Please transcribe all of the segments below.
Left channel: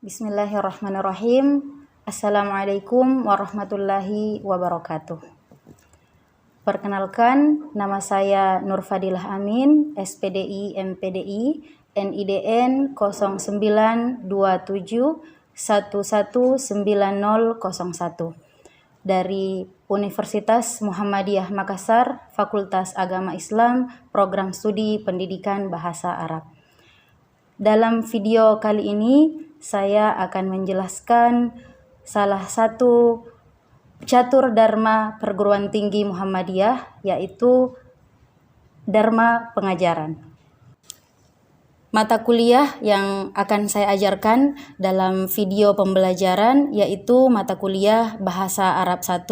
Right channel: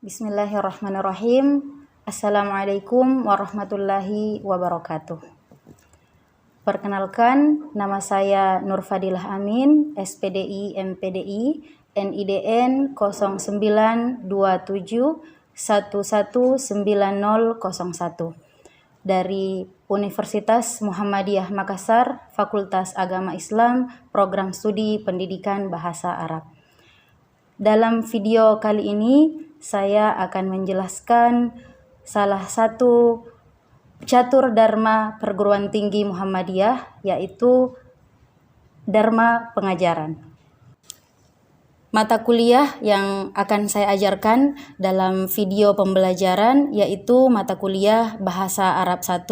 Bismillahirrahmanirrahim. Assalamualaikum warahmatullahi wabarakatuh. Perkenalkan, nama saya Nur Fadilah Amin, SPDI MPDI, NIDN 0927119001 dari Universitas Muhammadiyah Makassar, Fakultas Agama Islam, Program Studi Pendidikan Bahasa Arab. Dalam video kali ini, saya akan menjelaskan salah satu catur dharma perguruan tinggi Muhammadiyah, yaitu dharma pengajaran. Mata kuliah yang akan saya ajarkan dalam video pembelajaran yaitu mata kuliah Bahasa Arab 1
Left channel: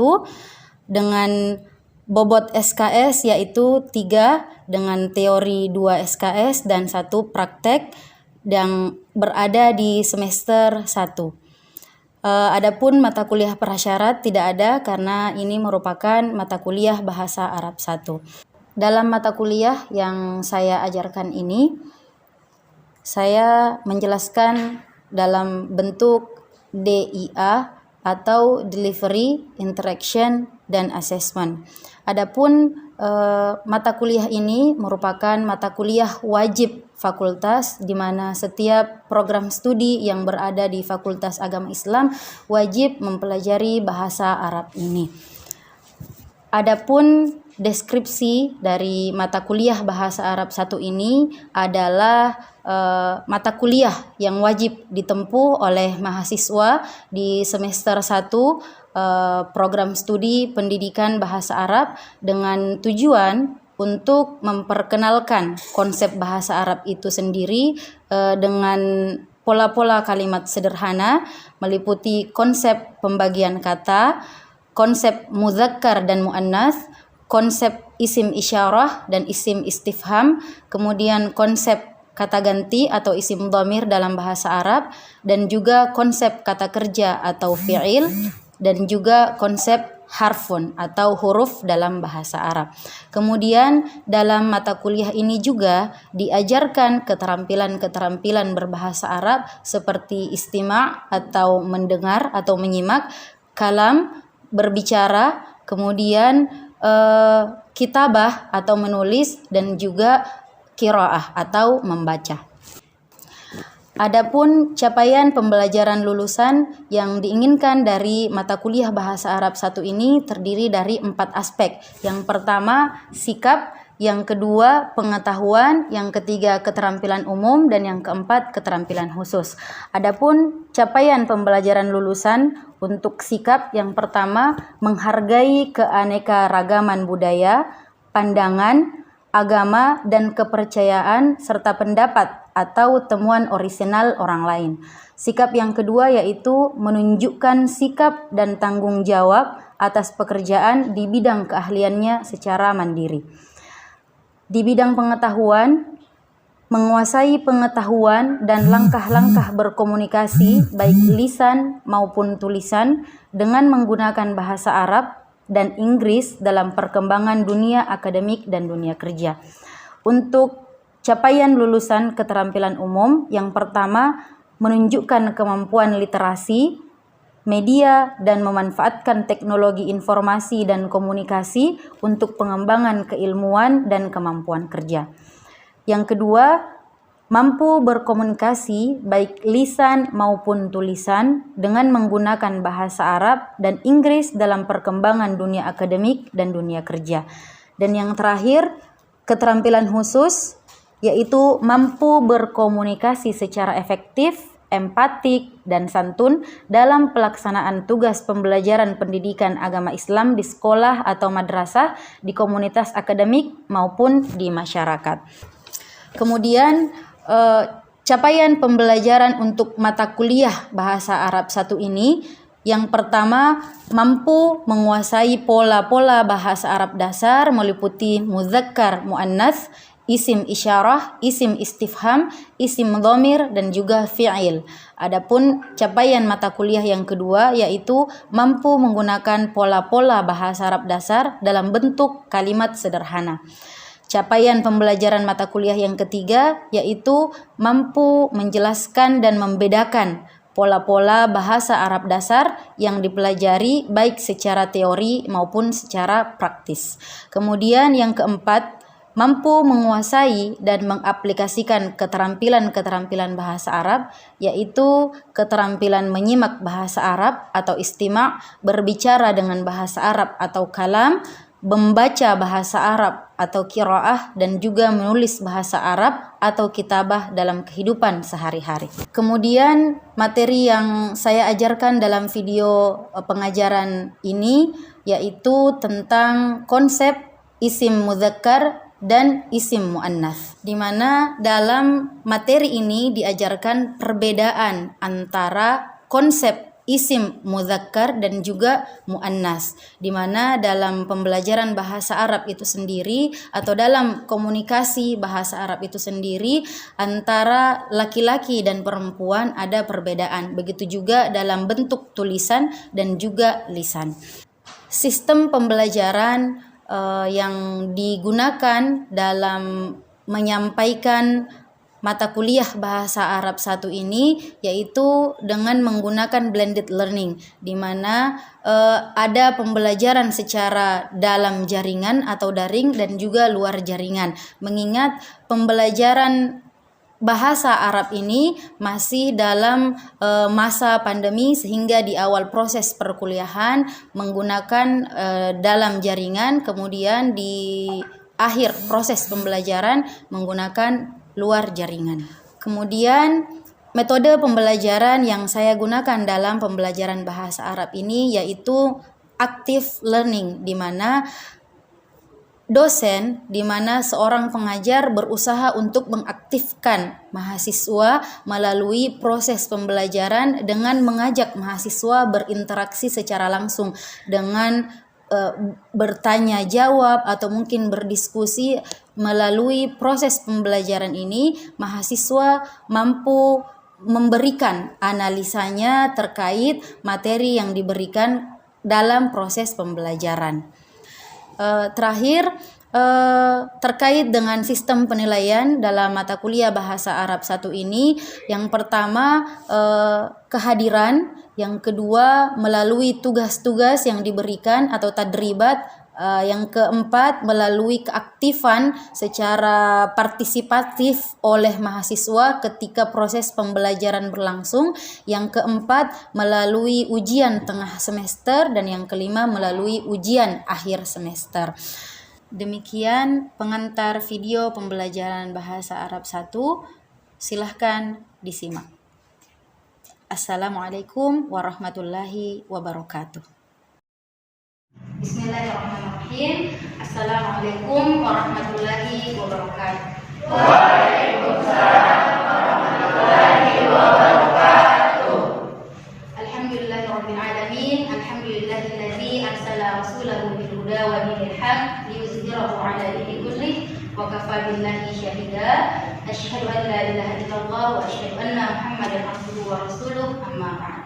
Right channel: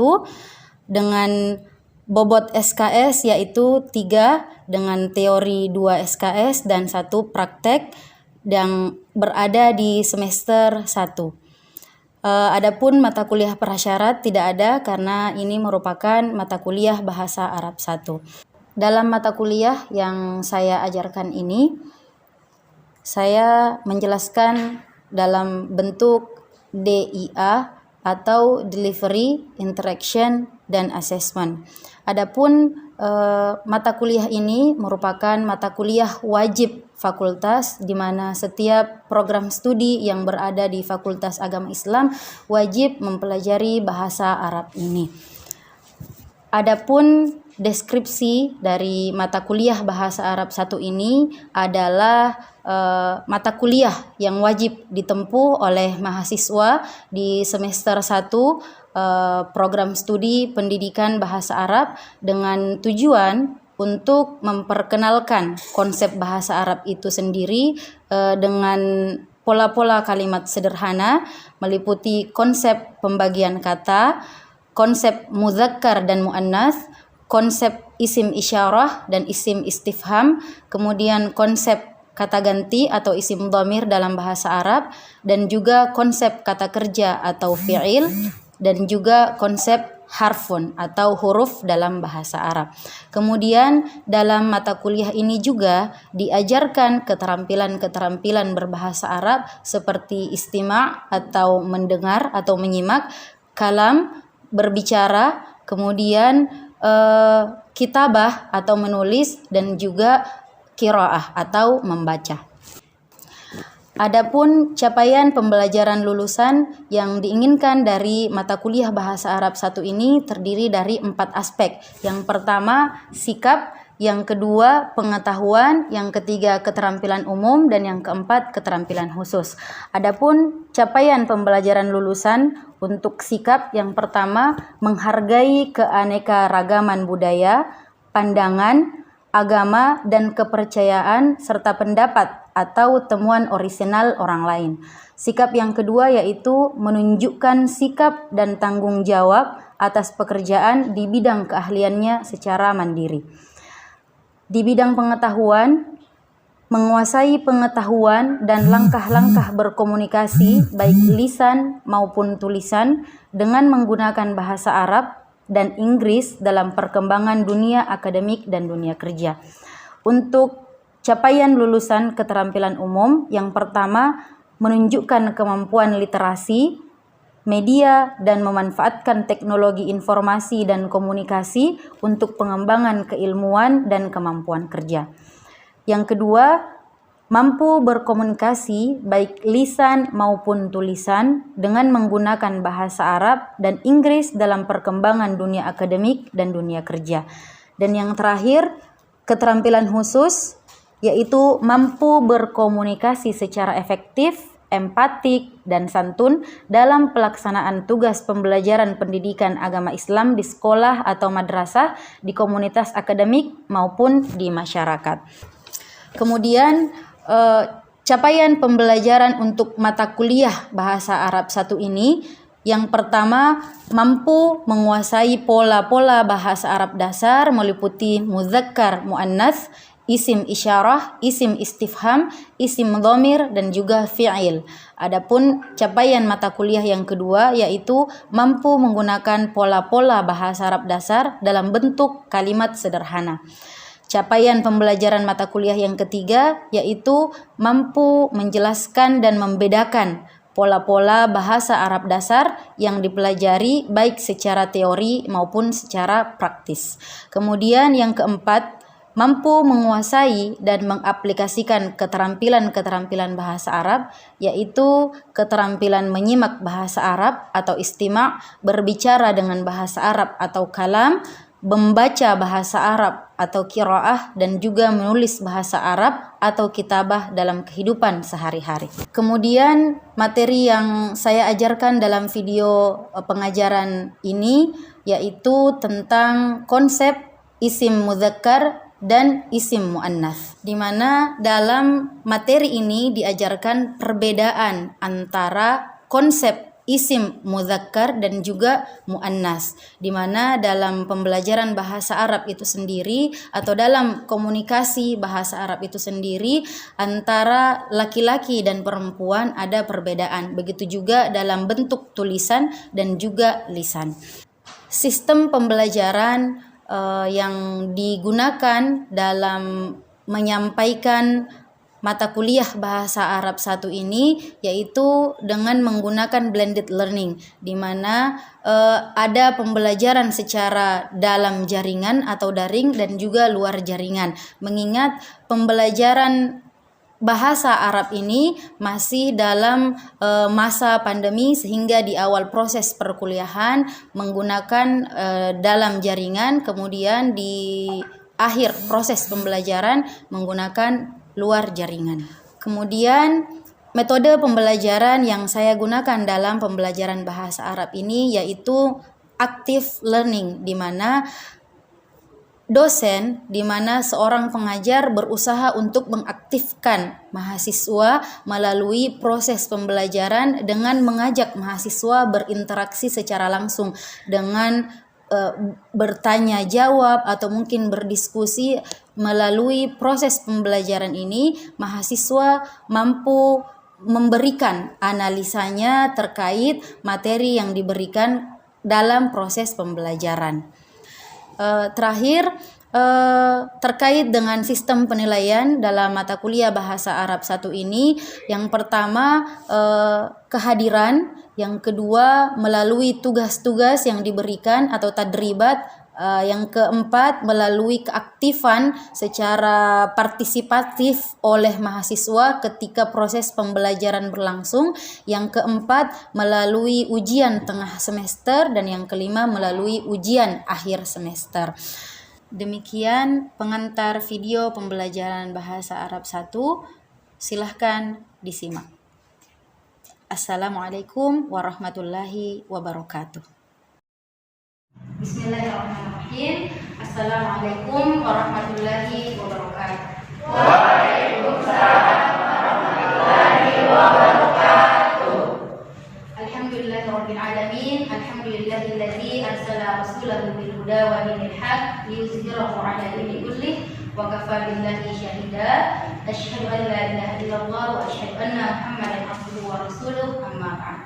dengan bobot SKS yaitu 3 dengan teori 2 SKS dan 1 praktek yang berada di semester 1. Adapun mata kuliah prasyarat tidak ada karena ini merupakan mata kuliah Bahasa Arab 1. Dalam mata kuliah yang saya ajarkan ini, saya menjelaskan dalam bentuk DIA atau Delivery, Interaction, dan Assessment. Adapun mata kuliah ini merupakan mata kuliah wajib fakultas, di mana setiap program studi yang berada di Fakultas Agama Islam wajib mempelajari bahasa Arab ini. Adapun deskripsi dari mata kuliah Bahasa Arab 1 ini adalah mata kuliah yang wajib ditempuh oleh mahasiswa di semester 1 program studi pendidikan bahasa Arab dengan tujuan untuk memperkenalkan konsep bahasa Arab itu sendiri dengan pola-pola kalimat sederhana, meliputi konsep pembagian kata, konsep mudzakkar dan muannats, konsep isim isyarah dan isim istifham, kemudian konsep kata ganti atau isim dhamir dalam bahasa Arab, dan juga konsep kata kerja atau fi'il, dan juga konsep harfun atau huruf dalam bahasa Arab. Kemudian dalam mata kuliah ini juga diajarkan keterampilan-keterampilan berbahasa Arab seperti istima' atau mendengar atau menyimak, kalam, berbicara, kemudian kitabah atau menulis, dan juga qiraah atau membaca. Adapun capaian pembelajaran lulusan yang diinginkan dari mata kuliah Bahasa Arab 1 ini terdiri dari 4 aspek. Yang pertama, sikap, yang kedua, pengetahuan, yang ketiga, keterampilan umum, dan yang keempat, keterampilan khusus. Adapun capaian pembelajaran lulusan untuk sikap, yang pertama, menghargai keanekaragaman budaya, pandangan, agama, dan kepercayaan, serta pendapat atau temuan orisinal orang lain. Sikap yang kedua yaitu menunjukkan sikap dan tanggung jawab atas pekerjaan di bidang keahliannya secara mandiri. Di bidang pengetahuan, menguasai pengetahuan dan langkah-langkah berkomunikasi baik lisan maupun tulisan dengan menggunakan bahasa Arab dan Inggris dalam perkembangan dunia akademik dan dunia kerja. Untuk capaian lulusan keterampilan umum, yang pertama, menunjukkan kemampuan literasi, media, dan memanfaatkan teknologi informasi dan komunikasi untuk pengembangan keilmuan dan kemampuan kerja. Yang kedua, mampu berkomunikasi baik lisan maupun tulisan dengan menggunakan bahasa Arab dan Inggris dalam perkembangan dunia akademik dan dunia kerja. Dan yang terakhir, keterampilan khusus, yaitu mampu berkomunikasi secara efektif, empatik, dan santun dalam pelaksanaan tugas pembelajaran pendidikan agama Islam di sekolah atau madrasah, di komunitas akademik maupun di masyarakat. Kemudian capaian pembelajaran untuk mata kuliah Bahasa Arab 1 ini, yang pertama, mampu menguasai pola-pola bahasa Arab dasar meliputi mudzakkar, muannats, isim isyarah, isim istifham, isim dhamir, dan juga fi'il. Adapun capaian mata kuliah yang kedua yaitu mampu menggunakan pola-pola bahasa Arab dasar dalam bentuk kalimat sederhana. Capaian pembelajaran mata kuliah yang ketiga yaitu mampu menjelaskan dan membedakan pola-pola bahasa Arab dasar yang dipelajari baik secara teori maupun secara praktis. Kemudian yang keempat, mampu menguasai dan mengaplikasikan keterampilan-keterampilan bahasa Arab, yaitu keterampilan menyimak bahasa Arab atau istima', berbicara dengan bahasa Arab atau kalam, membaca bahasa Arab atau qiraah, dan juga menulis bahasa Arab atau kitabah dalam kehidupan sehari-hari. Kemudian materi yang saya ajarkan dalam video pengajaran ini yaitu tentang konsep isim mudzakkar dan isim muannats, di mana dalam materi ini diajarkan perbedaan antara konsep isim mudzakkar dan juga muannats, di mana dalam pembelajaran bahasa Arab itu sendiri atau dalam komunikasi bahasa Arab itu sendiri antara laki-laki dan perempuan ada perbedaan. Begitu juga dalam bentuk tulisan dan juga lisan. Sistem pembelajaran yang digunakan dalam menyampaikan mata kuliah bahasa Arab 1 ini yaitu dengan menggunakan blended learning, di mana ada pembelajaran secara dalam jaringan atau daring dan juga luar jaringan. Mengingat pembelajaran bahasa Arab ini masih dalam masa pandemi, sehingga di awal proses perkuliahan menggunakan dalam jaringan, kemudian di akhir proses pembelajaran menggunakan luar jaringan. Kemudian metode pembelajaran yang saya gunakan dalam pembelajaran bahasa Arab ini yaitu active learning, di mana dosen, di mana seorang pengajar berusaha untuk mengaktifkan mahasiswa melalui proses pembelajaran dengan mengajak mahasiswa berinteraksi secara langsung dengan bertanya jawab atau mungkin berdiskusi. Melalui proses pembelajaran ini mahasiswa mampu memberikan analisanya terkait materi yang diberikan dalam proses pembelajaran. Terakhir, terkait dengan sistem penilaian dalam mata kuliah bahasa Arab 1 ini, yang pertama kehadiran, yang kedua melalui tugas-tugas yang diberikan atau tadribat, yang keempat melalui keaktifan secara partisipatif oleh mahasiswa ketika proses pembelajaran berlangsung, yang keempat melalui ujian tengah semester, dan yang kelima melalui ujian akhir semester. Demikian pengantar video pembelajaran bahasa Arab 1. Silahkan disimak. Assalamualaikum warahmatullahi wabarakatuh. Bismillahirrahmanirrahim. Assalamualaikum warahmatullahi wabarakatuh. Waalaikumsalam warahmatullahi wabarakatuh. Alhamdulillahirabbil alamin. Alhamdulillahilladzi arsala rasulahu bil huda wa dinil haq liyuzhirahu 'ala dini kullih wa kafa billahi syahida. Asyhadu an la ilaha illallah wa asyhadu anna Muhammadan abduhu wa rasuluh. Amma ba'd.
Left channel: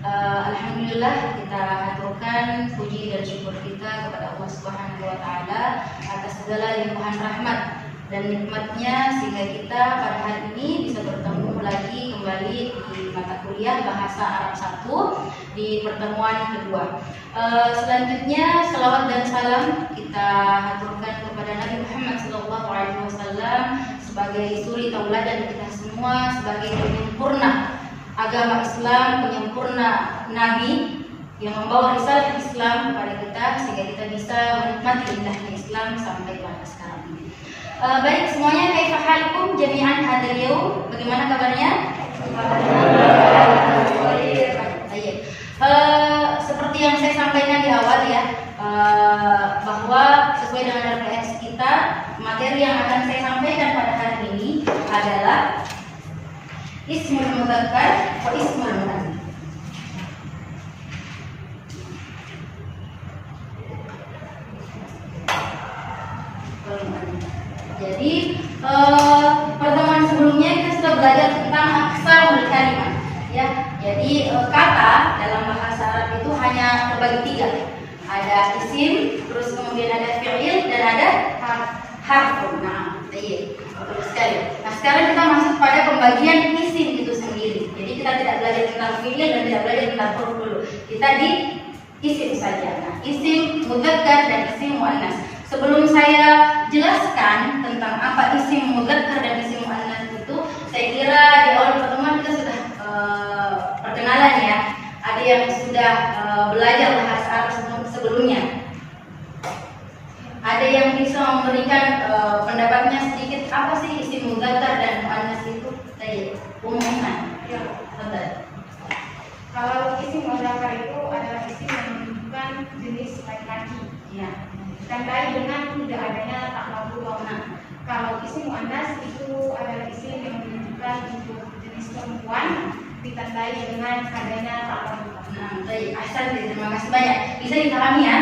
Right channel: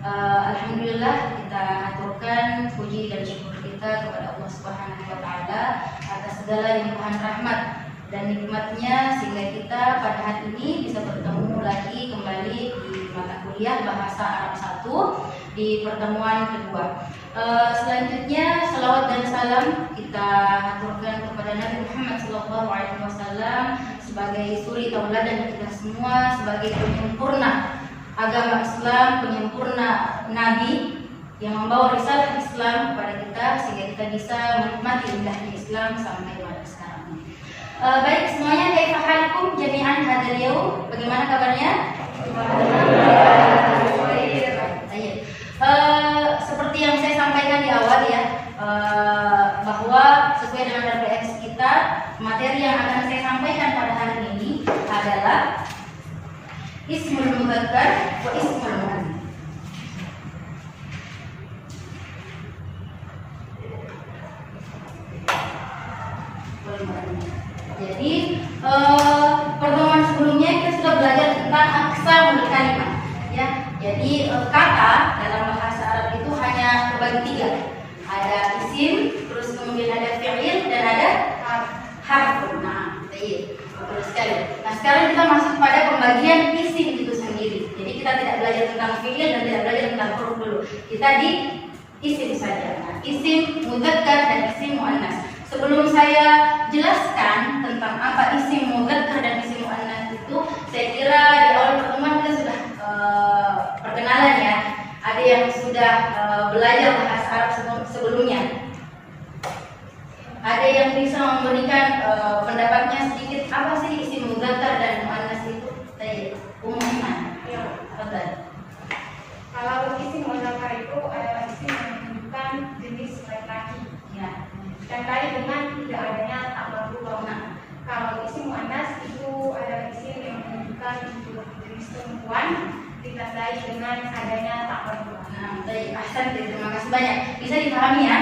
Alhamdulillah, kita aturkan puji dan syukur kita kepada Allah Subhanahu wa taala atas segala limpahan rahmat dan nikmatnya sehingga kita pada hari ini bisa bertemu lagi kembali di mata kuliah bahasa Arab 1 di pertemuan kedua. Selanjutnya salawat dan salam kita aturkan kepada Nabi Muhammad SAW sebagai suri tauladan kita semua, sebagai penyempurna agama Islam, penyempurna Nabi yang membawa risalah Islam kepada kita sehingga kita bisa menikmati indahnya Islam sampai pada sekarang ini. Baik semuanya, kaifa halikum jami'an hadzal yaum? Bagaimana kabarnya? Baik. Seperti yang saya sampaikan di awal ya, bahwa sesuai dengan referensi kita, materi yang akan saya sampaikan pada hari ini adalah ismul mudzakkar wa ismul muannats. Jadi pertemuan sebelumnya kita sudah belajar tentang aksarul kalimat ya. Jadi kata dalam bahasa Arab itu hanya terbagi 3. Ada isim, terus kemudian ada fi'il dan ada harf. Nah, betul sekali. Nah, sekarang kita masuk pada pembagian isim itu sendiri. Jadi kita tidak belajar tentang fi'il dan tidak belajar tentang huruf dulu. Kita di isim saja. Nah, isim mudzakkar dan isim muannas. Sebelum saya jelaskan tentang apa isim mudzakkar dan isim muannas itu, saya kira di awal pertemuan kita sudah perkenalan ya. Ada yang sudah belajar bahasa Arab sebelumnya. Ada yang bisa memberikan pendapatnya sedikit apa sih isim mudzakkar dan muannas itu? Saya umumkan. Ya. Betul. Kalau isim mudzakkar itu adalah isim yang menunjukkan jenis laki-laki, Ya. ditandai dengan tidak adanya tak marbutah. Nah, kalau isim muannas itu adalah isim yang menunjukkan untuk jenis perempuan, ditandai dengan adanya tak marbutah. Nah, baik, ahsan, terima kasih banyak. Bisa dipahami ya.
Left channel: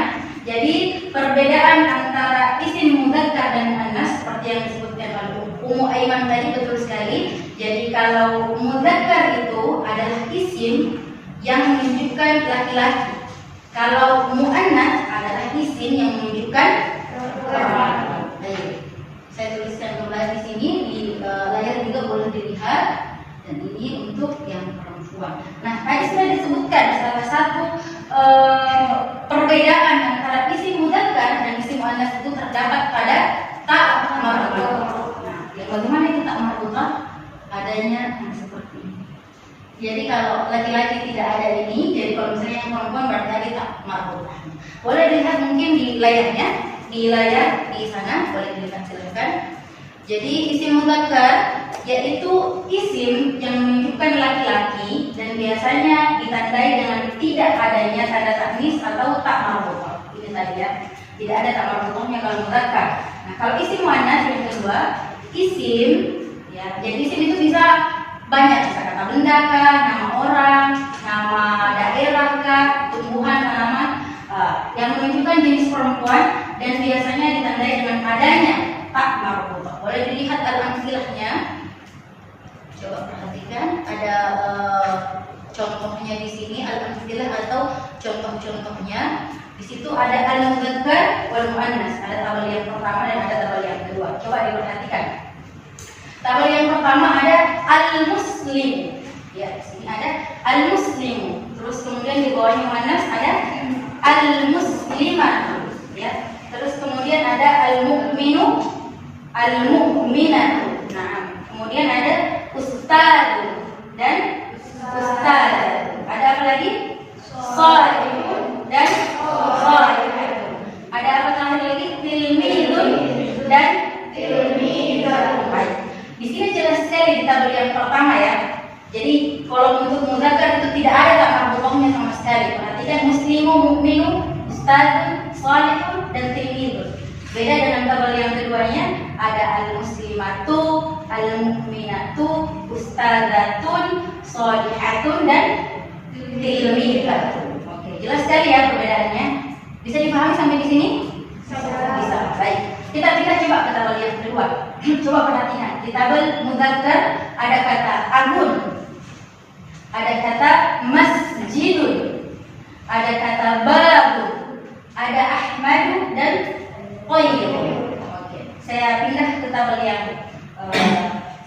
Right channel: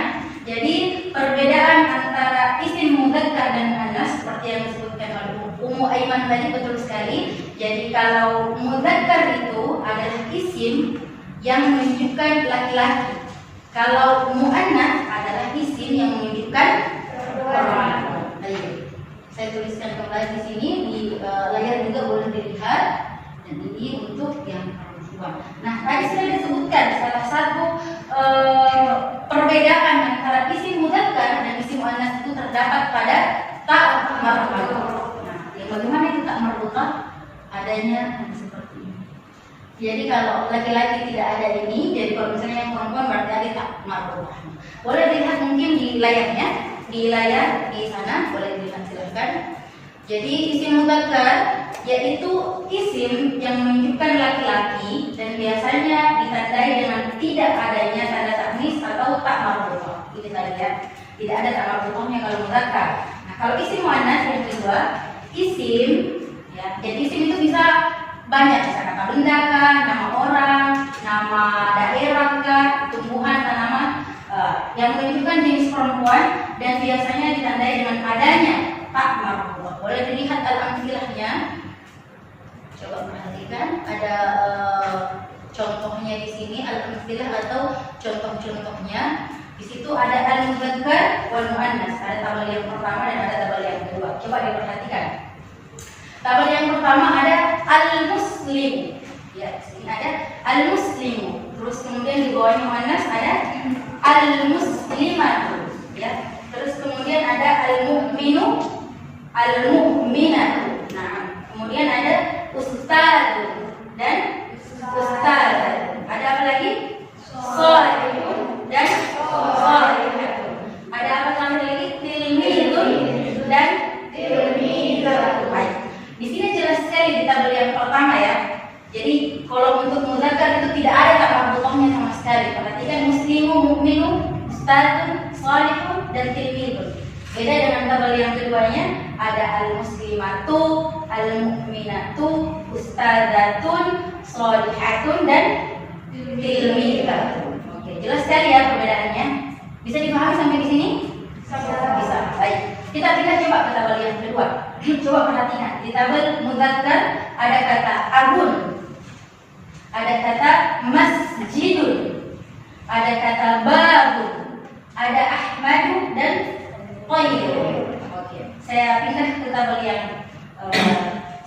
Jadi perbedaan antara isim mudzakkar dan muannas seperti yang disebutkan oleh Ummu Aiman tadi betul sekali. Jadi kalau mudzakkar itu adalah isim yang menunjukkan laki-laki. Kalau muannas adalah isim yang menunjukkan perempuan. Baik. Saya tuliskan kembali di sini di layar juga boleh dilihat, dan ini untuk yang perempuan. Nah, tadi sudah disebutkan salah satu perbedaan antara isim mudzakkar dan isim muannas itu terdapat pada tak marbutah. Nah, yang bagaimana itu tak marbutah? Adanya seperti ini. Jadi kalau laki-laki tidak ada ini, jadi kalau misalnya yang perempuan berarti ada tak marbutah. Boleh dilihat mungkin di layarnya, di layar di sana boleh dilihat silakan. Jadi isim mudzakkar yaitu isim yang menunjukkan laki-laki dan biasanya ditandai dengan tidak adanya tanda taknis atau tak marbutah. Ini tadi ya, tidak ada tak marbutahnya kalau mudzakkar. Nah, kalau isim muannas yang kedua, isim ya, jadi isim itu bisa banyak, bisa kata benda kah, nama orang, nama daerah kah, tumbuhan, tanaman yang menunjukkan jenis perempuan dan biasanya ditandai dengan adanya tak marbutah. Boleh dilihat al-amthilahnya. Coba perhatikan, ada contohnya di sini al-amthilah atau contoh-contohnya. Di situ ada al-mudzakkar wal muannas, ada tabel yang pertama dan ada tabel yang kedua. Coba diperhatikan. Tabel yang pertama ada al-muslim. Ya, di sini ada al-muslimu. Terus kemudian di bawahnya muannas ada al-muslimatu. Ya. Terus kemudian ada al-mu'minu, al-mu'minatu. Nah, kemudian ada ustaz dan ustaz. Ada apa lagi? Shalihun dan shalihun. Ada apa lagi? Tilmidun dan tilmidatun. Di sini jelas sekali di tabel yang pertama ya. Jadi kalau untuk mudzakkar itu tidak ada tak marbutahnya sama sekali. Perhatikan muslimu, mukminu, ustazun, shalihun dan tilmidun. Beda dengan tabel yang keduanya, ada al-muslimatu, al-mu'minatu, ustazatun, shalihatun dan tilmidatun. Oke, jelas sekali ya perbedaannya. Bisa dipahami sampai di sini? Bisa. Baik. Kita pindah coba ke tabel yang kedua. Coba perhatikan. Di tabel mudzakkar ada kata abun, ada kata masjidun, ada kata babu, ada ahmadu dan qayyim. Oke, saya pindah ke tabel yang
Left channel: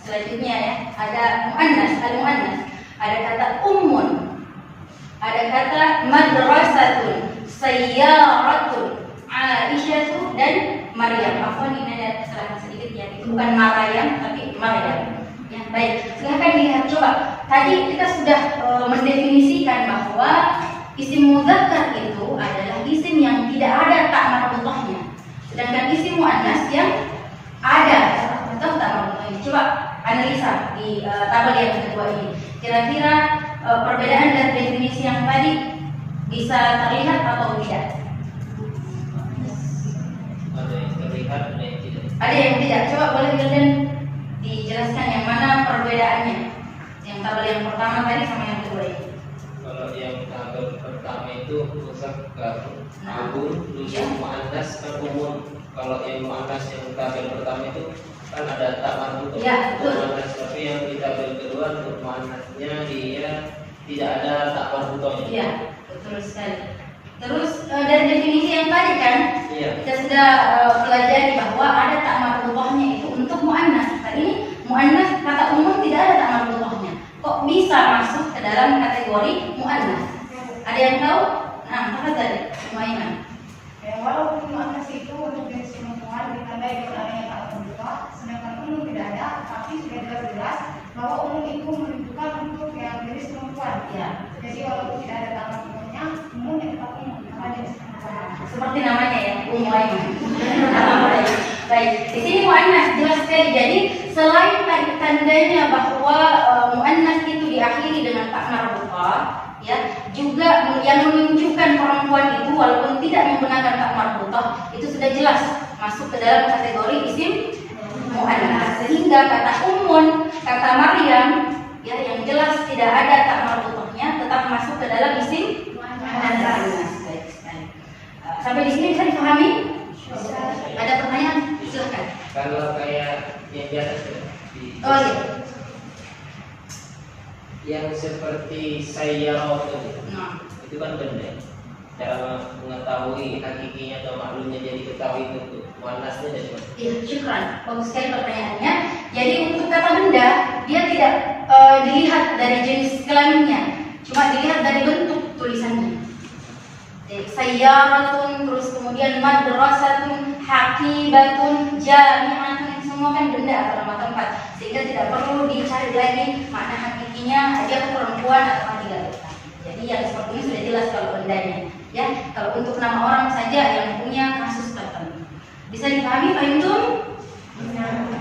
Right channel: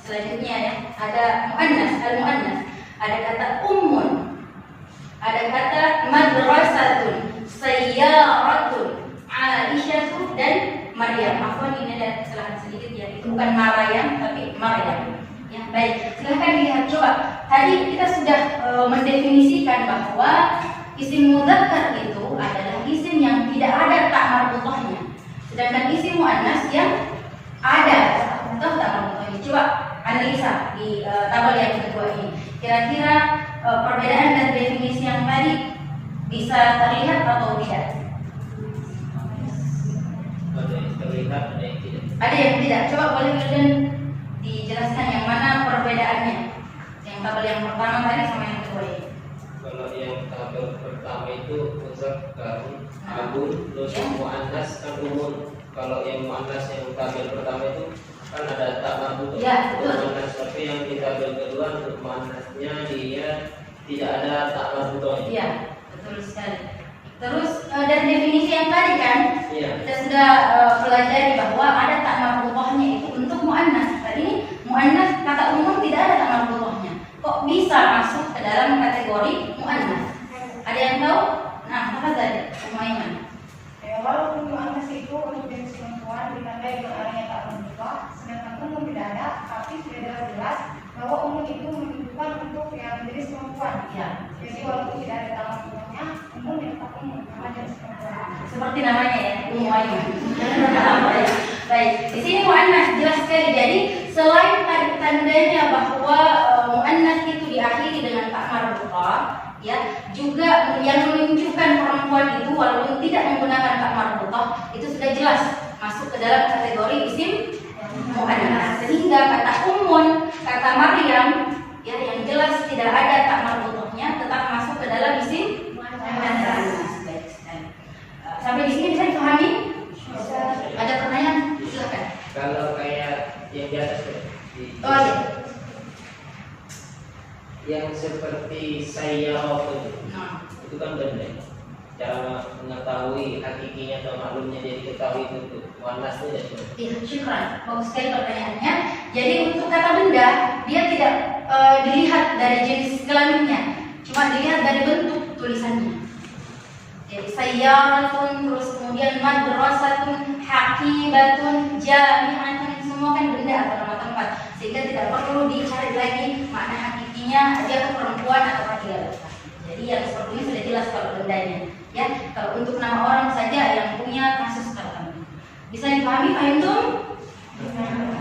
selanjutnya ya. Ada muannas, al-muannas. Ada kata ummun, ada kata madrasatun, sayyaratun, aisyatu dan Maryam. Afwan, ini ada kesalahan sedikit ya. Itu bukan Maryam tapi Maryam. Ya, baik. Silahkan dilihat coba. Tadi kita sudah mendefinisikan bahwa isim mudzakkar itu adalah isim yang tidak ada tak marbutahnya. Sedangkan isim muannas yang ada atau tak marbutahnya. Coba analisa di tabel yang kedua ini. Kira-kira perbedaan dari definisi yang tadi bisa terlihat atau tidak? Ada yang terlihat, ada yang tidak. Ada yang tidak. Coba boleh kalian dijelaskan yang mana perbedaannya? Yang tabel yang pertama tadi sama yang kedua ini. Kalau yang tabel pertama itu mudzakkar, abun, terus muannas kan umun. Kalau yang muannas yang tabel pertama itu kan ada tak marbutah. Ya, betul. Muannas, tapi yang di tabel kedua untuk muannasnya dia tidak ada tak marbutahnya. Iya, betul sekali. Terus dari definisi yang tadi kan, Iya. kita sudah pelajari bahwa ada tak marbutahnya itu untuk muannas. Tadi muannas kata umum tidak ada tak marbutahnya. Kok bisa masuk dalam kategori muannas. Ada yang tahu? Nah, apa tadi? Lumayan. Walaupun muannas itu untuk jenis perempuan ditandai dengan adanya tak marbuthah, sedangkan umum tidak ada, tapi sudah jelas bahwa umum itu menunjukkan untuk yang jenis perempuan. Ya. Jadi walaupun tidak ada tak marbuthahnya, umum yang tetap umum sama jenis perempuan. Seperti namanya ya, muannas. Baik, di sini muannas jelas sekali. Jadi selain tandanya bahwa muannas itu diakhiri dengan tak marbuthah, ya, juga yang menunjukkan perempuan itu walaupun tidak menggunakan tak marbuthah itu sudah jelas masuk ke dalam kategori isim muannas. Sehingga kata ummun, kata Maryam, ya, yang jelas tidak ada tak marbuthahnya tetap masuk ke dalam isim muannas. Sampai di sini bisa dipahami? Ada pertanyaan? Silakan. Kalau kayak yang di atas tuh, Oh iya. yang seperti saya Nah, itu kan benda. Cara mengetahui hakikinya atau maklumnya jadi ketahui itu muannasnya dari mana? iya, syukran. Bagus sekali pertanyaannya. Jadi untuk kata benda, dia tidak dilihat dari jenis kelaminnya, cuma dilihat dari bentuk tulisannya. Jadi sayyaratun, terus kemudian madrasatun, hakibatun, jami'atun, semua kan benda atau nama tempat, sehingga tidak perlu dicari lagi makna hakikinya dia perempuan atau tidak. Jadi yang seperti ini sudah jelas kalau bendanya. Ya, kalau untuk nama orang saja yang punya kasus tertentu. Bisa dipahami, Pak Yuntum?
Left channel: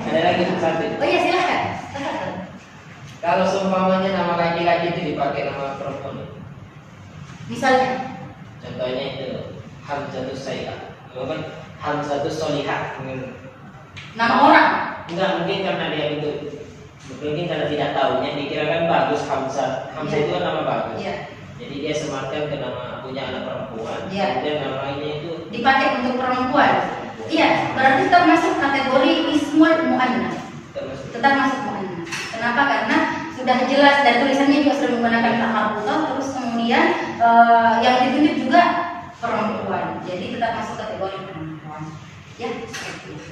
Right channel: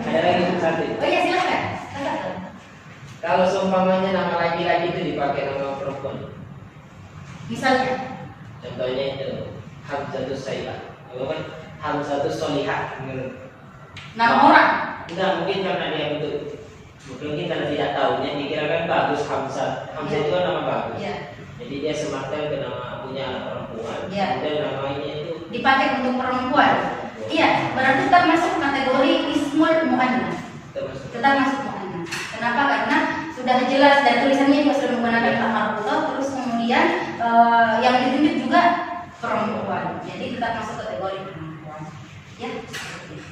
Ada lagi satu. Oh iya, silakan. Silakan. Kalau seumpamanya nama laki-laki itu dipakai nama perempuan, Misalnya, contohnya itu Hamzatus Sayyid, kan Hamzatus Solihah. nama orang. Enggak, mungkin karena dia bentuk, mungkin karena tidak tahunya dikirakan bagus Hamzah. Hamzah itu kan nama bagus. Iya. Jadi dia sematkan ke nama punya anak perempuan. Iya. Dan nama ini itu Dipakai untuk perempuan. Iya, berarti tetap masuk kategori ismul muannas. termasuk. Tetap masuk muannas. Kenapa? Karena sudah jelas dan tulisannya juga sudah menggunakan tak marbuthah, terus kemudian yang ditunjuk juga perempuan. Jadi tetap masuk kategori perempuan. Ya, seperti itu.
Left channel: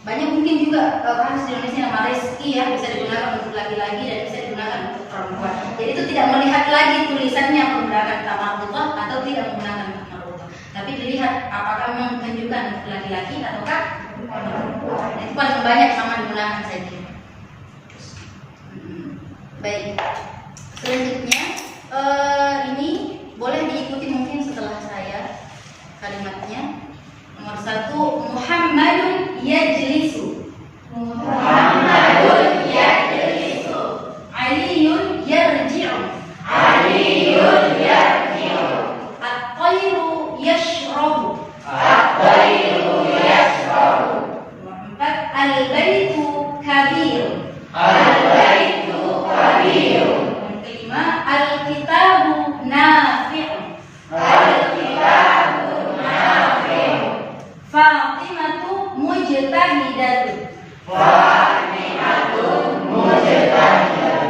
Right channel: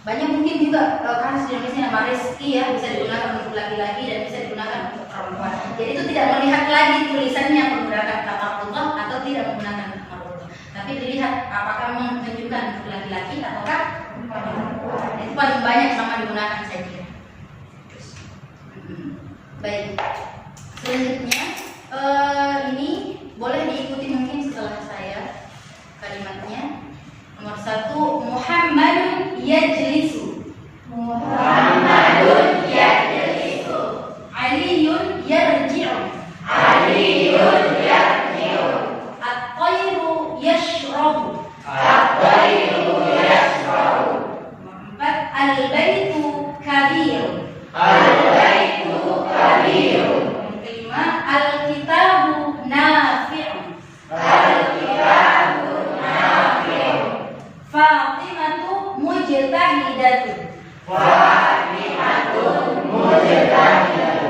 Banyak mungkin juga kasus di Indonesia nama Reski ya, bisa digunakan untuk laki-laki dan bisa digunakan untuk perempuan. Jadi itu tidak melihat lagi tulisannya menggunakan tak marbuthah atau tidak menggunakan tak marbuthah, tapi dilihat apakah menunjukkan untuk laki-laki ataukah perempuan. Itu paling banyak sama digunakan saja. Baik. Selanjutnya ini boleh diikuti mungkin setelah saya kalimatnya. Nomor 1, Muhammadun yajlisu. Muhammadun yajlisu. Aliyun yarji'u. Aliyun yarji'u. At-tayru yashrabu. At-tayru yashrabu. Nomor 4, al-baitu kabir. Al-baitu kabir. Nomor 5, al-kitabu nafi'u. Al-kitabu nafi'u. Fatimatu mujtahidatun. Fatimatu mujtahidatun.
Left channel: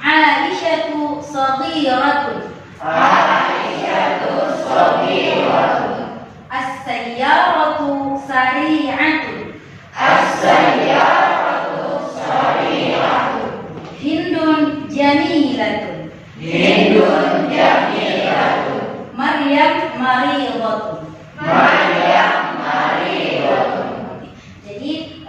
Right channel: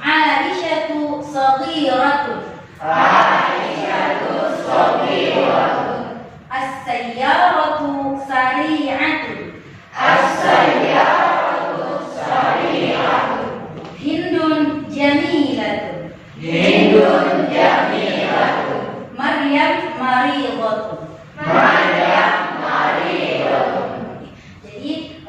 Aisyatu saghiratun. Aisyatu saghiratun. As-sayyaratu sari'atun. As-sayyaratu sari'atun. Hindun jamilatun. Hindun jamilatun. Maryam maridhatun. Maryam maridhatun. Jadi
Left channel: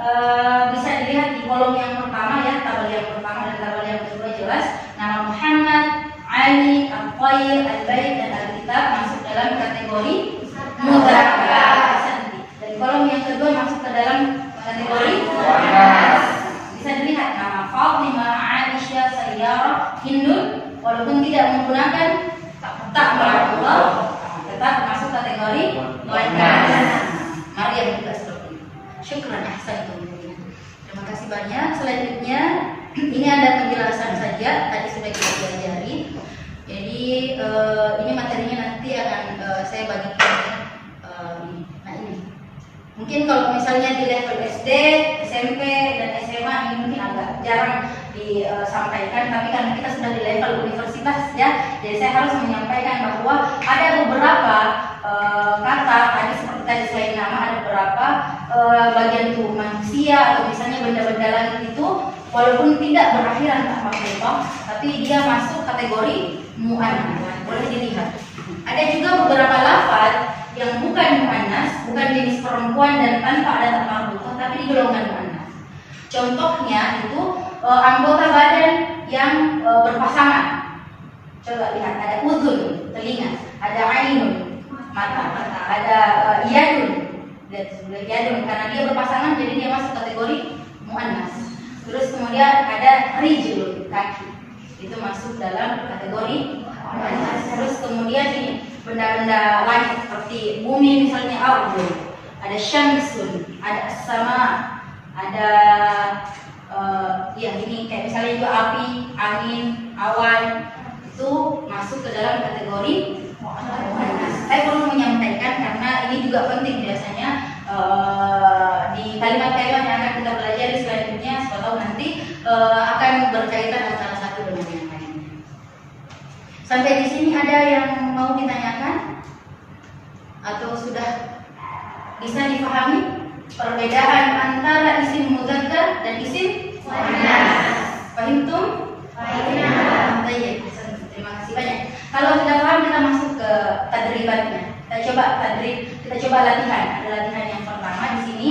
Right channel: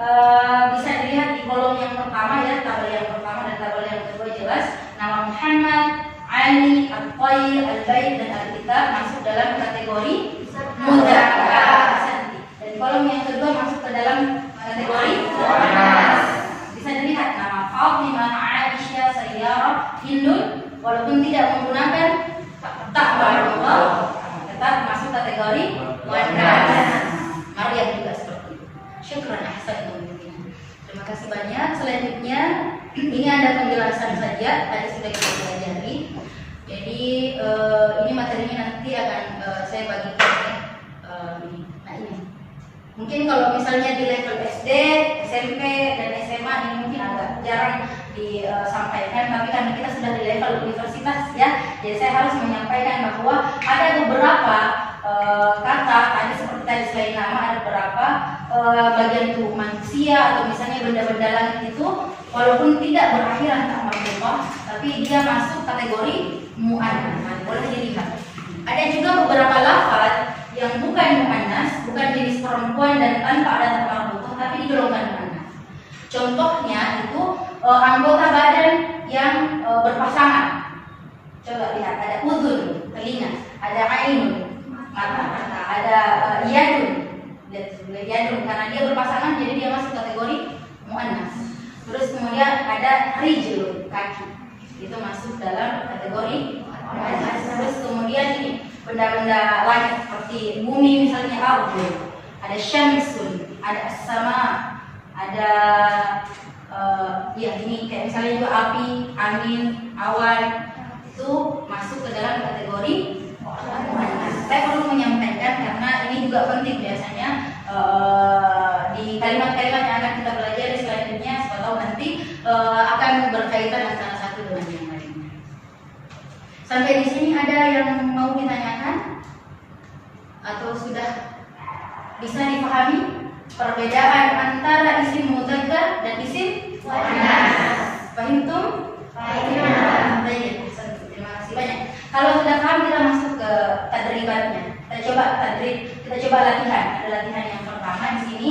bisa dilihat di kolom yang pertama ya, tabel yang pertama dan tabel yang kedua jelas nama Muhammad, Ali, Al-Qair, Al-Bait dan Al-Kitab masuk dalam kategori mudzakkar. Dan kolom yang kedua masuk ke dalam kategori muannas. Bisa dilihat nama Fatimah, Aisyah, Sayyarah, Hindun walaupun tidak menggunakan tak marbuthah tetap masuk kategori muannas. Maryam juga seperti itu. Syukran ahsantum. Terima kasih banyak. Selanjutnya ini ada penjelasan saja tadi sudah kita pelajari. Jadi ini materinya nanti akan saya bagikan ya. Nah ini mungkin kalau misalnya di level SD, SMP dan SMA ini mungkin agak jarang disampaikan, tapi kan kita sudah di level universitas ya. Jadi saya harus menyampaikan bahwa ada beberapa kata, ada seperti tadi selain nama ada beberapa bagian tubuh manusia atau misalnya benda-benda langit itu walaupun tidak berakhiran tak marbuthah, tapi tapi dia masuk kategori muannas. Boleh dilihat. Ada juga beberapa lafaz yang bukan muannas, bukan jenis perempuan dan tanpa ada tak marbutah, tapi digolongkan muannas. Contohnya itu anggota badan yang berpasangan. Coba lihat, ada udhun, telinga, ada ainun, mata, ada yadun, yadun karena dia berpasangan jadi dia masuk kategori muannas. Terus kemudian ada rijul, kaki, itu masuk dalam kategori muannas. Terus kemudian ini benda-benda langit seperti bumi misalnya ardun, ada syamsun, ada as-sama, ada ya ini kayak misalnya itu api, angin, awan, itu masuk ke dalam kategori muannas. Saya perlu menyampaikan karena ini juga penting biasanya di kalimat-kalimat yang akan kita pelajari selanjutnya, siapa tahu nanti akan berkaitan antara satu dengan yang lainnya. Sampai di sini ada yang mau ditanyakan atau sudah bisa dipahami perbedaan antara isim mudzakkar dan isim muannas? Fahimtum? Baik, terima kasih banyak. Kalau sudah paham kita masuk ke tadribatnya. Kita coba latihan. Ada latihan yang pertama di sini.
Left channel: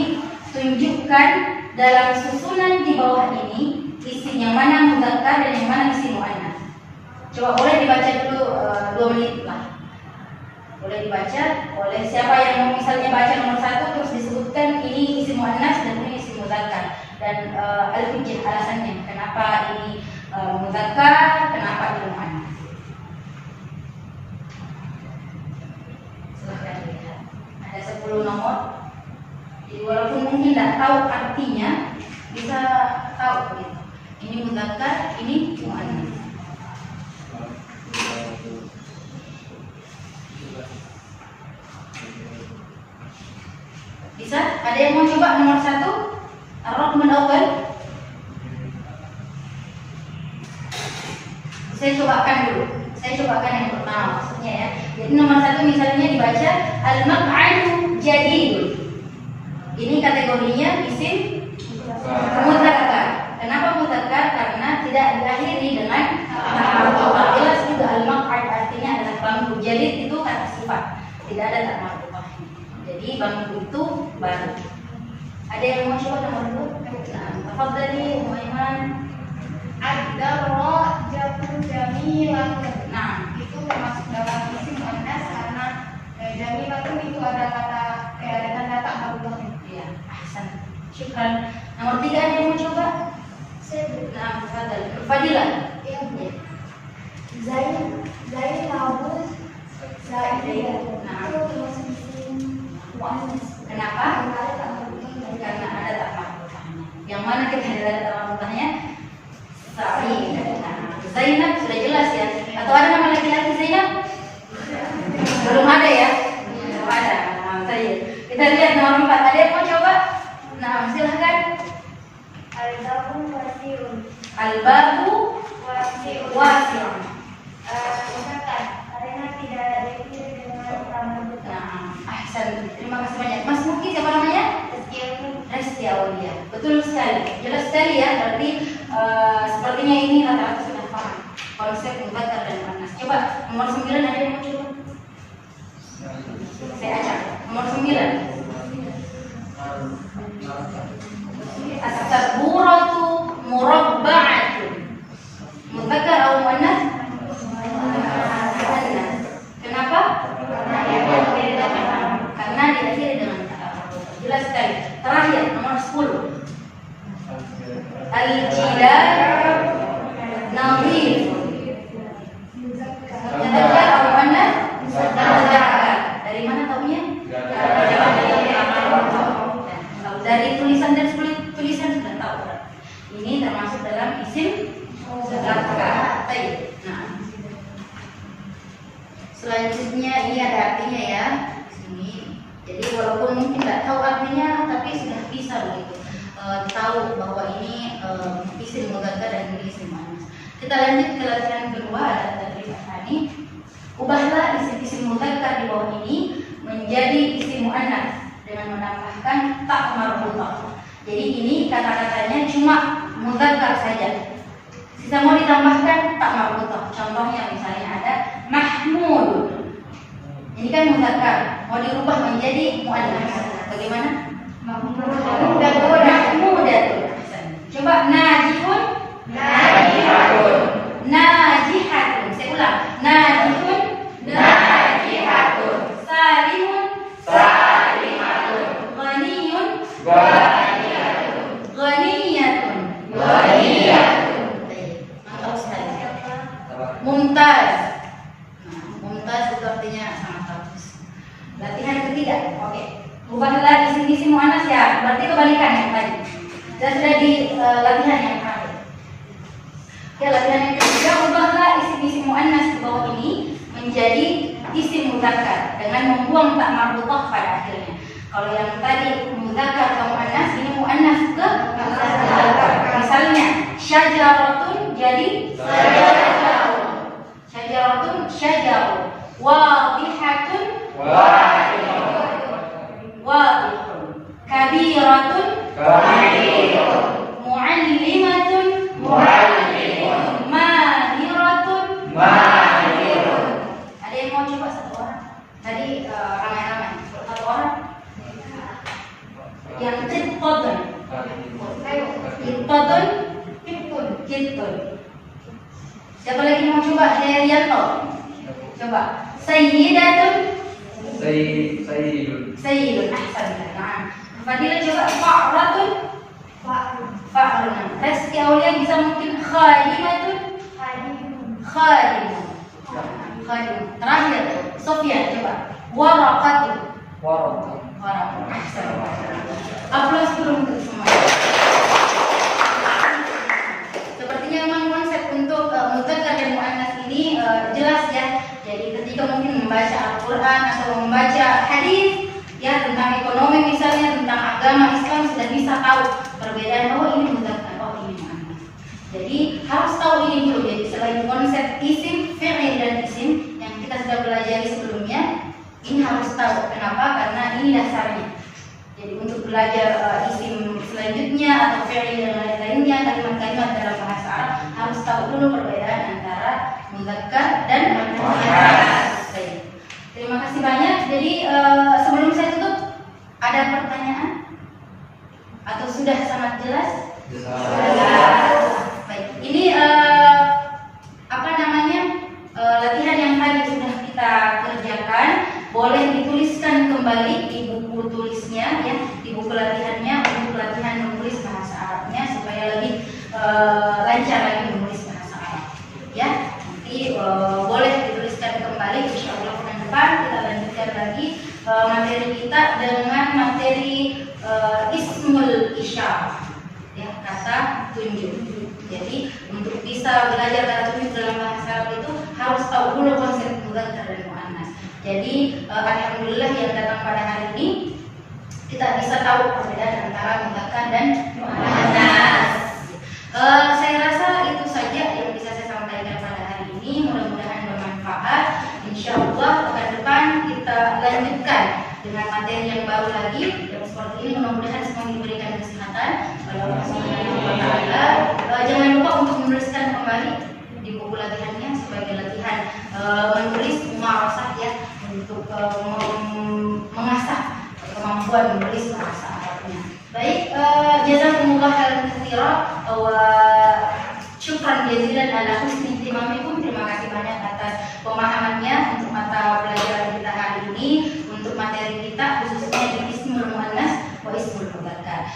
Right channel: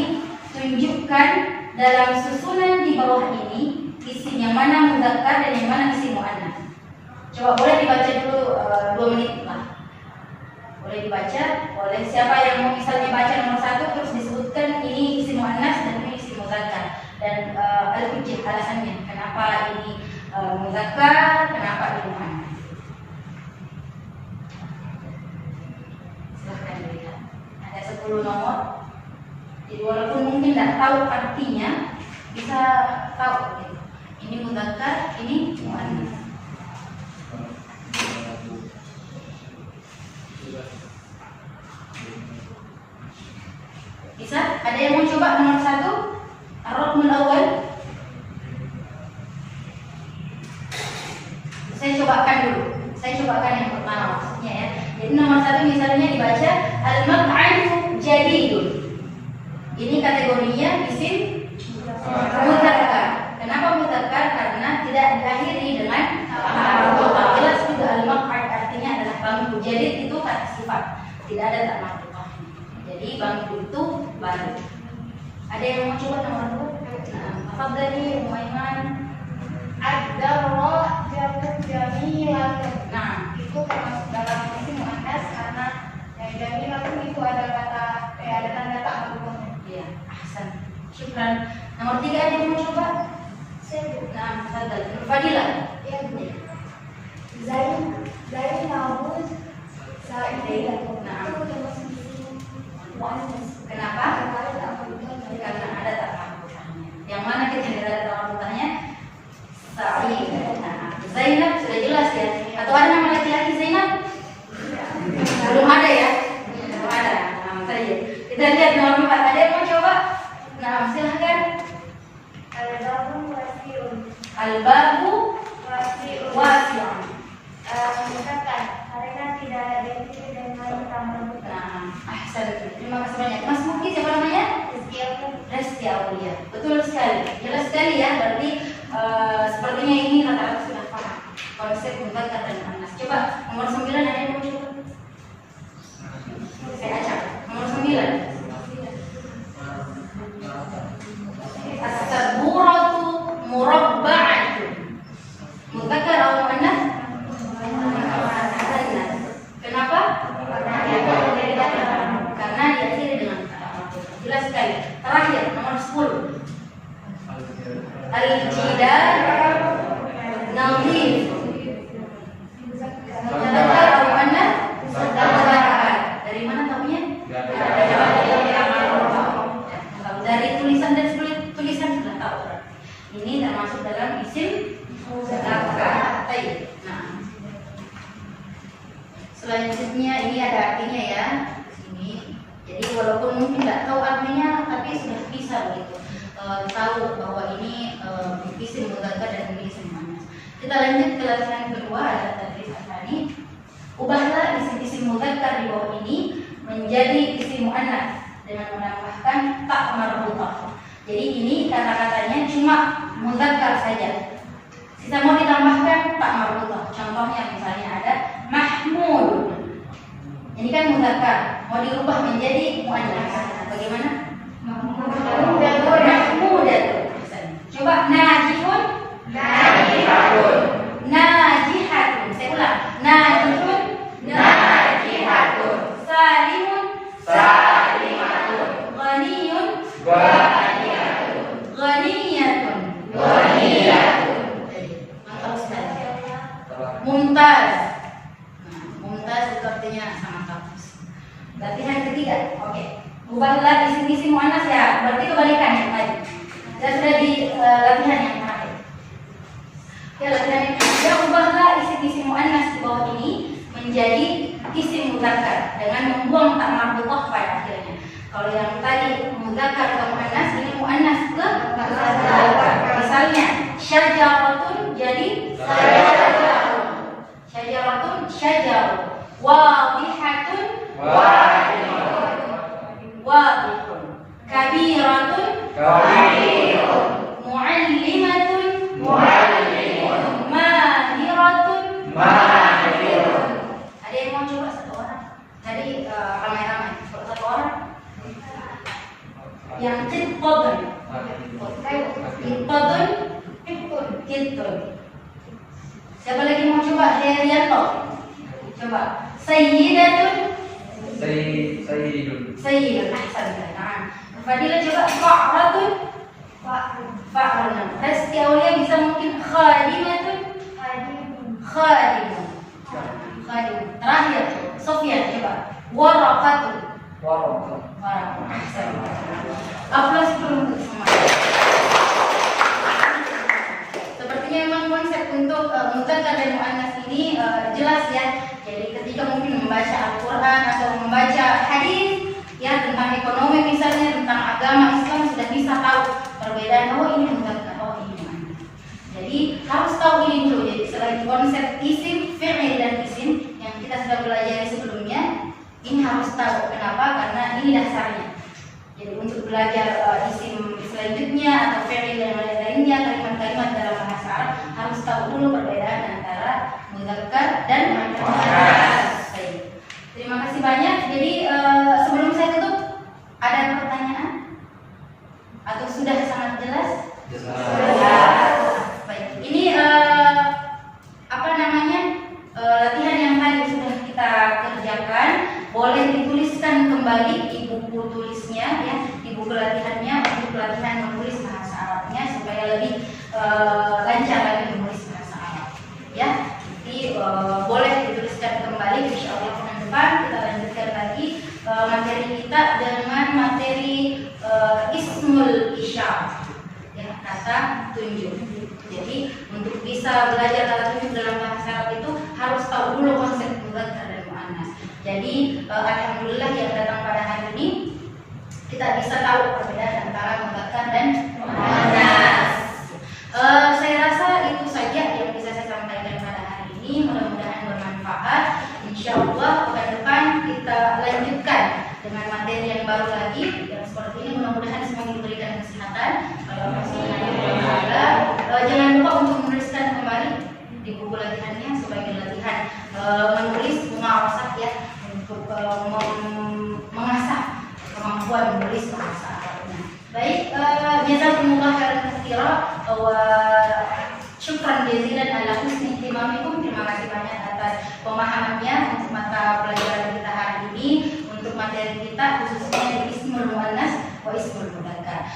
Tunjukkan dalam susunan di bawah ini isim yang mana mudzakkar dan yang mana isim muannas. Coba boleh dibaca dulu 2 menit lah. Boleh dibaca oleh siapa yang mau misalnya baca nomor 1 terus disebutkan ini isim muannas dan ini isim mudzakkar dan al-hujjah alasannya kenapa ini mudzakkar, kenapa ini muannas. Silahkan dilihat. Ada 10 nomor. Jadi walaupun mungkin tidak tahu artinya bisa tahu gitu. Ini mudzakkar, ini muannas. Bisa? Ada yang mau coba nomor 1? Ar-Raqmul Awwal. Saya cobakan dulu. Saya cobakan yang pertama maksudnya ya. Jadi nomor 1 misalnya dibaca al-maq'adu jadidun. Ini kategorinya isim mudzakkar. Kenapa mudzakkar? Karena tidak diakhiri dengan marbutah. Jelas juga al-maq'ad artinya adalah bangku. Jadid itu kata sifat. Tidak ada tak marbutah. Jadi bangku itu baru. Ada yang mau coba nomor 2? Nah, tafadhali Muaiman. Ad-darra jatuh jamilatun. Nah, Itu termasuk dalam isim muannas karena jamilatun itu ada kata ada tanda tak marbutahnya. iya, ahsan. Syukran. Nomor 3 ada yang mau coba? Nah, tafadhal. Fadilah. Ya, Bu. Zainabun Zaidah. Nah. Itu termasuk isim muannas. Kenapa? Karena ada tak marbutahnya. Yang mana kita ada tak marbutahnya? Sa'id. Nah, Zainab sudah jelas ya. Atau ada nama laki-laki Zainab? Belum ada ya? Belum ada. Nah, saja. Kita lihat nomor 4. Ada yang mau coba? Nah, silahkan. Al-babu wasi'un. Al-babu Wasi'un. wasi'un. Mudzakkar. Karena tidak ada diakhiri dengan tak marbutah. Nah, ahsan. Terima kasih banyak. Mas Muki siapa namanya? Resti Aulia. Betul sekali. Jelas sekali ya. Berarti sepertinya ini kata-kata sudah paham konsep mudzakkar dan muannas. Coba nomor 9 ada yang mau coba? Saya acak. Nomor 9. As-saburatu murabba'atun. Mudzakkar atau muannas? Muannas. Kenapa? Karena diakhiri dengan kata marbutah. Jelas sekali. Terakhir nomor 10. Al-jidar nadhif. Mudzakkar atau muannas? Mudzakkar. Dari mana tahunya? Dari tulisan dan tulisan sudah tahu. Ini termasuk dalam isim mudzakkar. Baik. Nah, selanjutnya ini ada artinya ya di sini. Jadi walaupun mungkin tidak tahu artinya, tapi sudah bisa begitu tahu bahwa ini isim mudzakkar dan isim muannas. Kita lanjut ke latihan kedua, ada tadrib tsani. Ubahlah isim-isim mudzakkar di bawah ini menjadi isim muannas dengan menambahkan tak marbutah. Jadi ini kata-katanya cuma mudzakkar saja. Bisa mau ditambahkan tak marbutah. Contohnya misalnya ada Mahmud. Ini kan muzakkar, mau dirubah menjadi muannas. Bagaimana? Mahmudatun. Coba najihun. Najihatun. Najihatun. Saya ulang. Najihun. Najihatun. Salimun. Salimatun. Ghaniyun. Ghaniyatun. Ghaniyatun. Ghaniyatun. Mantap sekali. Mumtaz. Nah, mumtaz itu artinya sangat bagus. Latihan ketiga. Oke. Ubahlah isim-isim muannas ya. Berarti kebalikan yang tadi. Kita sudah di latihan yang kemarin. Oke, latihan yang ketiga, ubahlah isim-isim muannas di bawah ini menjadi isim muzakkar dengan membuang tak marbutah pada akhirnya. Kalau yang tadi muzakkar ke muannas, ini muannas ke muzakkar. Misalnya syajaratun jadi syajarun. Syajaratun syajarun. Wadihatun Wadihun. wadihun. Kabiratun Kabirun. muallimatun Muallimun. mahiratun. Mahirun. Ada yang mau coba satu orang? Tadi kameramen satu orang. Yang kitotun. Ayo, Kitotun. Tiptun. Kitun. Siapa lagi mau coba? Herianto. Coba. Sayyidatun. Sayyidun. Sayyidun. Ahsan. Nah. Fadila coba. Fa'ratun. Fa'run. Resti Aulia bisa mungkin khadimatun. Khadimun. Khadimun. Terakhir. Sofia coba. Waraqatun. Waraqatun. Ahsan. Aplaus dulu untuk semua. Sepertinya memang konsep untuk muzakkar dan muannas ini jelas ya. Jadi ketika mungkin membaca Al-Quran atau membaca hadis ya tentang ekonomi misalnya, tentang agama Islam sudah bisa tahu perbedaan. Oh ini muzakkar, oh ini muannas. Jadi harus tahu ini dulu. Jadi selain konsep isim, fi'il dan isim yang kita sudah pelajari sebelumnya, ini harus tahu. Kenapa? Karena ini dasarnya. Jadi untuk belajar isim selanjutnya atau fi'il dan lain-lainnya, kalimat-kalimat dalam bahasa Arab harus tahu dulu perbedaan antara muzakkar dan muannas. Baik. Terima kasih banyak. Jadi sebelum saya tutup, ada pertanyaan? Atau sudah sangat jelas? Baik. Ini apa namanya? Latihan yang tadi sudah kita kerjakan, boleh dituliskan kembali di buku tulisnya ya, di buku latihannya untuk latihan menulis bahasa Arabnya supaya lebih lancar lagi menulis bahasa Arab. Ya, nanti boleh dituliskan kembali. Insyaallah pekan depan kita lanjutkan lagi materi kita dengan materi ismul isyarah. Ya, kata tunjuk. Jadi untuk bisa belajar kata tunjuk dalam bahasa Arab itu harus tahu dulu konsep muzakkar dan muannas. Jadi alhamdulillah yang datang pada hari ini kita bisa tahu perbedaan antara muzakkar dan muannas. Saya rasa itu saja yang bisa saya sampaikan pada hari ini. Mudah-mudahan bermanfaat. Insyaallah pekan depan kita lanjutkan dengan materi yang baru lagi yang seperti ini. Mudah-mudahan semua diberikan kesehatan. Jangan lupa untuk menuliskan kembali di buku latihannya sebagai latihan menulis muarasah ya, untuk mengasah kemampuan menulis bahasa Arabnya. Baik, jazakumullah khairan katsiran wa syukran jazilan ala husni ihtimamikum. Terima kasih banyak atas pemahamannya untuk mata pelajaran kita hari ini, untuk materi kita khususnya di ismul muannas wa ismul muzakkar.